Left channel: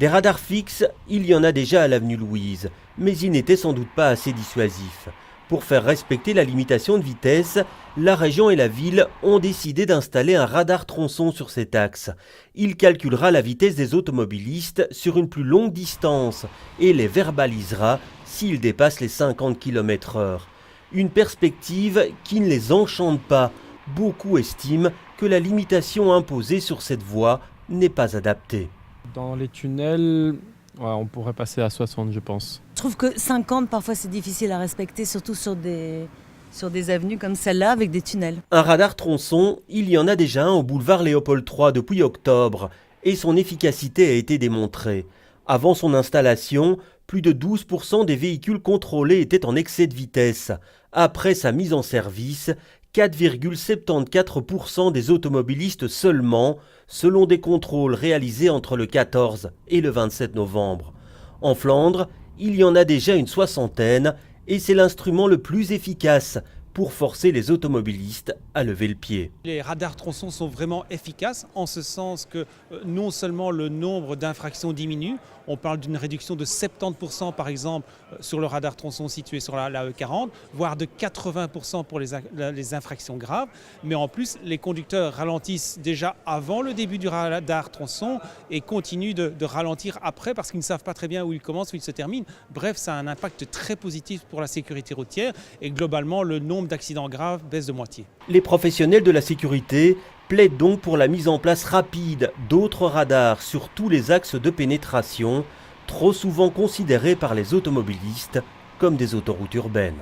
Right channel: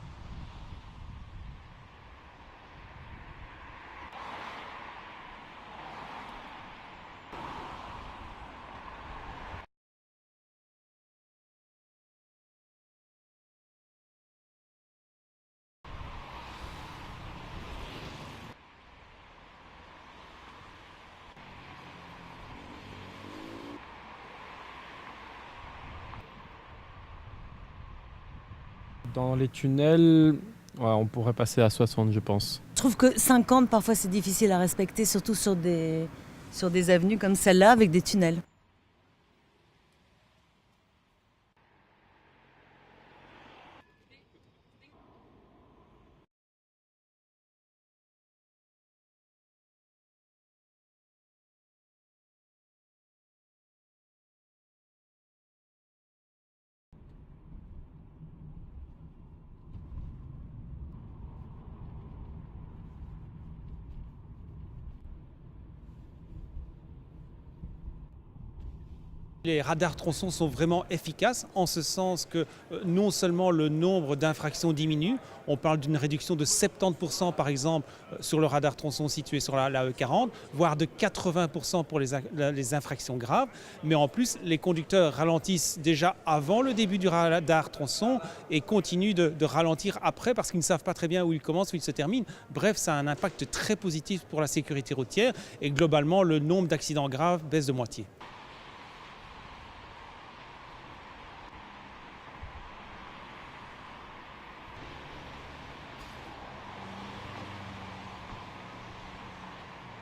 Des radars fixes, il y en a déjà à l'avenue Louise, mais ils n'étaient sans doute pas assez dissuasifs. Pour faire respecter la limitation de vitesse, la région et la ville ont décidé d'installer un radar tronçon sur cet axe. Il calculera la vitesse des automobilistes sur une plus longue distance et les verbalisera s'ils dépassent les 50 km/h. Une perspective qui ne les enchante pas. Beaucoup estiment que la limitation imposée sur cette voie n'est pas adaptée. Dans les tunnels, ouais, on pourrait passer à 60, je pense. Je trouve que 50, parfois, c'est difficile à respecter, surtout sur des avenues comme celle-là, avec des tunnels. Un radar tronçon, il y en a déjà un au boulevard Léopold III depuis octobre, et son efficacité a été démontrée. Avant son installation, plus de 12% des véhicules contrôlés étaient en excès de vitesse. Après sa mise en service, 4,74% des automobilistes seulement, selon des contrôles réalisés entre le 14 et le 27 novembre. En Flandre, il y en a déjà une soixantaine et c'est l'instrument le plus efficace pour forcer les automobilistes à lever le pied. Les radars tronçons sont vraiment efficaces en ce sens que non seulement le nombre d'infractions diminue, on parle d'une réduction de 70% par exemple sur le radar tronçon situé sur la E40, voire de 80% pour les infractions graves, mais en plus les conducteurs ralentissent déjà avant le début du radar tronçon et continuent de ralentir après parce qu'ils ne savent pas très bien où il commence, où il se termine. Bref, ça a un impact très positif pour la sécurité routière et globalement le nombre d'accidents graves baisse de moitié. Les professionnels de la sécurité plaident donc pour la mise en place rapide d'autres radars sur tous les axes de pénétration, trop souvent considérés par les automobilistes comme des autoroutes urbaines.